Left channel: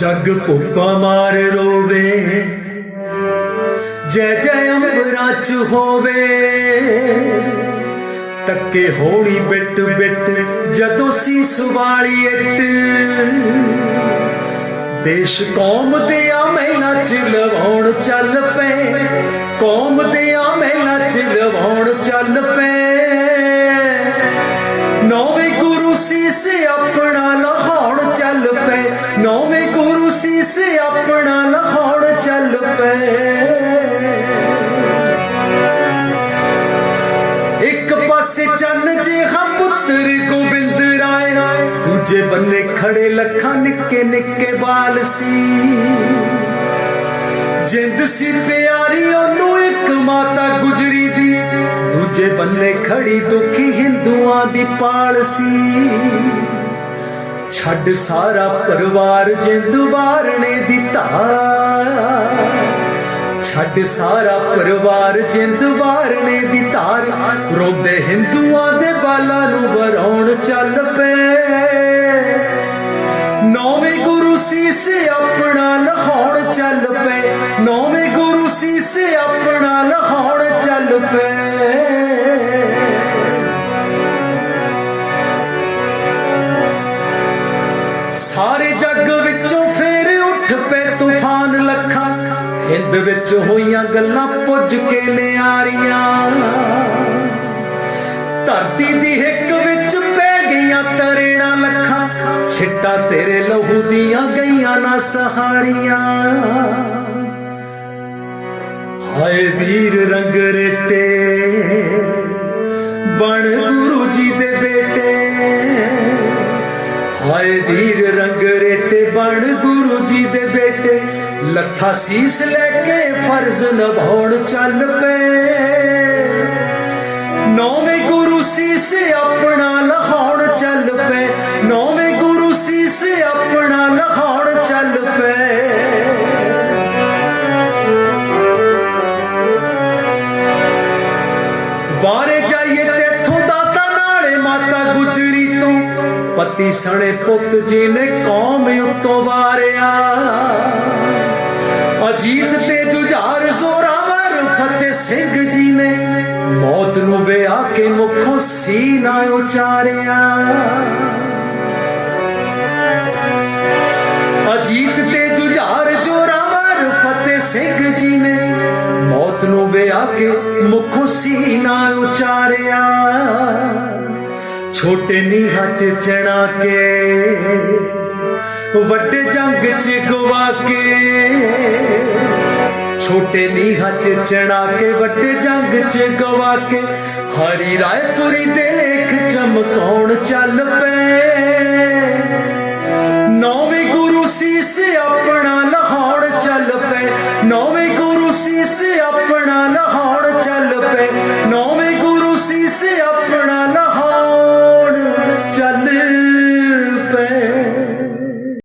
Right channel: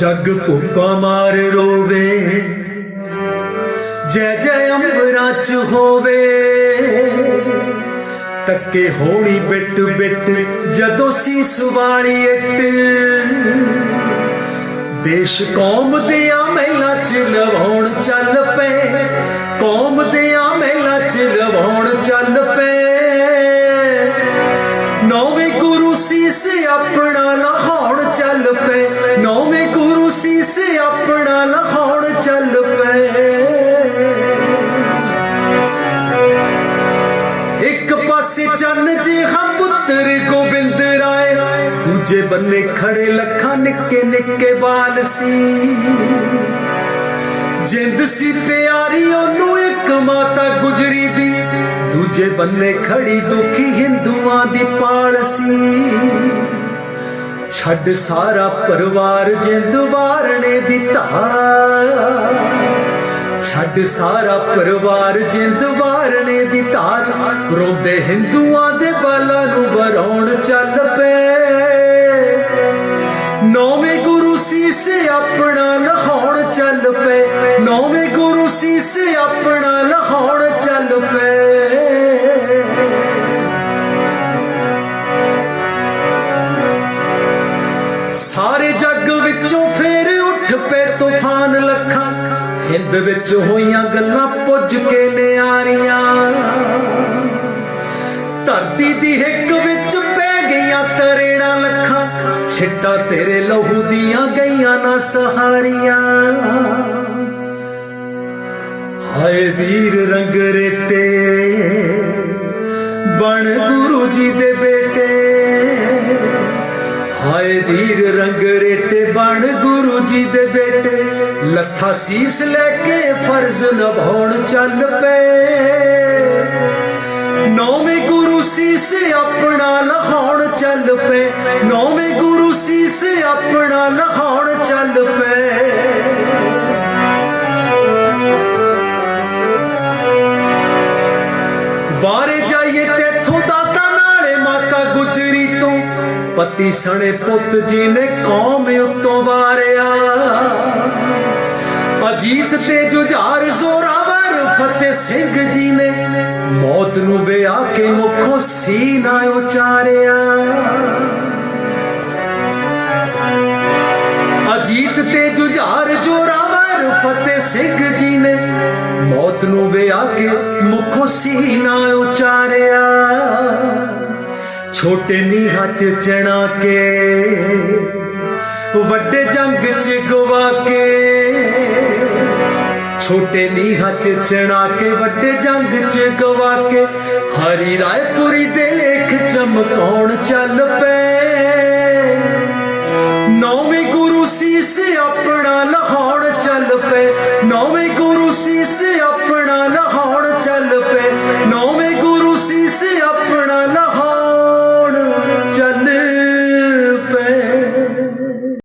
ਜਗ ਭੁੱਖਾ ਮਾਰ ਰੋਵੇ। ਜੈ ਜੈ ਅੰਬਰਾਂ ਚ ਹੋਵੇ। ਤੱਕੇ ਹੋਣੀ ਬਿੱਟ ਬਿੱਟ ਜਦੋਂ ਸੀਸ ਵਾਲੀ ਇੱਟ। ਦੇਸ਼ ਕੌਮ ਦੇ ਆ ਮਹਿਲਾ ਚ ਲਵਾਉਣ ਚੱਲ ਪਏ। ਕੌਮ ਦੇ ਆ ਮਹਿਲਾ ਚ ਲਵਾਉਣ ਚੱਲ ਆਪਣਾ ਲਹਾਉਣ ਚੱਲ ਪਏ। ਇੱਕ ਪਾਸੇ ਚੰਨ ਜੀ ਹਮ ਪੁੱਤਰ ਗੋਬਿੰਦ ਰਾਏ, ਦੂਜੇ ਬੰਨੇ ਖੜੇ ਲੱਖਾਂ ਨਿੱਕੇ ਨਿੱਕੇ ਬਾਲ ਸੀ ਜਿੰਦ ਸੀ ਪਿਆਰੀ, ਉਹਨੂੰ ਇੱਕ ਮਾਤਾ ਗੁਜਰੀ ਦੀ, ਦੂਜੇ ਬੰਨੇ ਖੜੀ ਦੁਖੀ ਹਿੰਦੂਆਂ ਦੀ ਪਾਲ ਸੀ ਛੱਡ ਸਾਰਾ ਪਰਿਵਾਰ ਜਿੰਦ ਵਾਰਨੇ ਦੀ ਧਾਰ। ਛੱਡ ਸਾਰਾ ਪਰਿਵਾਰ ਜਿੰਦ ਵਾਰਨੇ ਦੀ ਧਾਰ। ਰੋਂਦੇ ਹਿੰਦੂਆਂ ਦੇ ਬਾਲਾਂ ਨੂੰ ਵਰਾਉਣ ਚੱਲ ਪਏ। ਨੌਵੇਂ ਗੁਰੂ ਸੀਸ ਆਪਣਾ ਲਹਾਉਣ ਚੱਲ ਪਏ। ਨੌਵੇਂ ਗੁਰੂ ਸੀਸ ਆਪਣਾ ਵਿੱਚ ਹੋਈਆਂ ਗੱਲਾਂ ਪੁੱਜ ਕੇ ਨਿਆਰੀਆਂ ਧਰਤੀ ਦੀ ਹਿੱਕ ਵਿੱਚ ਪੈ ਗਈਆਂ ਤਰੇੜਾਂ ਲੱਖਾਂ, ਛਿੱਟਾ ਤੇਰੇ ਲਹੂ ਦੀਆਂ ਗਈਆਂ ਨਾ ਸਹਾਰੀਆਂ। ਹਾਏ ਵੀਰ ਰੰਗ ਰੇਟੇ, ਬਣ ਗੁਰੂ ਜੀ ਦੇ ਬੇਟੇ। ਹਾਏ ਵੀਰ ਰੰਗ ਰੇਟੇ, ਬਣ ਗੁਰੂ ਜੀ ਦੇ ਬੇਟੇ। ਲੱਖਾ ਸੀਸ ਲੈ ਕੇ ਫਰਜ਼ ਨਿਭਾਉਣ ਚੱਲ ਪਏ। ਨੌਵੇਂ ਗੁਰੂ ਸੀਸ ਆਪਣਾ ਲਹਾਉਣ ਚੱਲ ਪਏ। ਨੌਵੇਂ ਗੁਰੂ ਸੀਸ ਆਪਣਾ ਲਹਾਉਣ ਚੱਲ ਪਏ। ਵਾਰੇ ਜਾਈਏ ਤੇਥੋਂ ਦਾਤਾ ਨਾਲੇ ਮਾਤਾ ਗੁਜਰੀ ਤੋਂ। ਪਤੀ ਸਣੇ ਪੁੱਤ ਜੀ ਨੇ ਕੌਮ ਉਤੋਂ ਵਾਰਿਆ। ਅਜੀਤ ਤੇ ਜੁਝਾਰ ਜ਼ੋਰਾਵਰ ਫਤਿਹ ਸਿੰਘ ਜੀ ਨੇ ਮੌਤ ਨੂੰ ਵਿਆਹ ਕੇ ਮੁਖੋਂ ਸੀਨਾ ਉਚਾਰਿਆ। ਅਜੀਤ ਤੇ ਜੁਝਾਰ ਜੋਰਾਵਰ ਫਤਿਹ ਸਿੰਘ ਜੀ ਨੇ ਮੌਤ ਨੂੰ ਵਿਆਹ ਕੇ ਮੁਖੋਂ ਸੀਨਾ ਉਚਾਰਿਆ। ਛੋਟੇ ਨੀਹਾਂ ਚ ਚਣਾ ਕੇ ਵੱਡੇ ਜੰਗ ਚ ਗਵਾ ਕੇ ਛੋਟੇ ਨੀਹਾਂ ਚ ਚਣਾ ਕੇ ਵੱਡੇ ਜੰਗ ਚ ਗਵਾ ਕੇ ਹਰੀ ਰਾਏਪੁਰੀ ਦੇ ਲੇਖ ਚਮਕ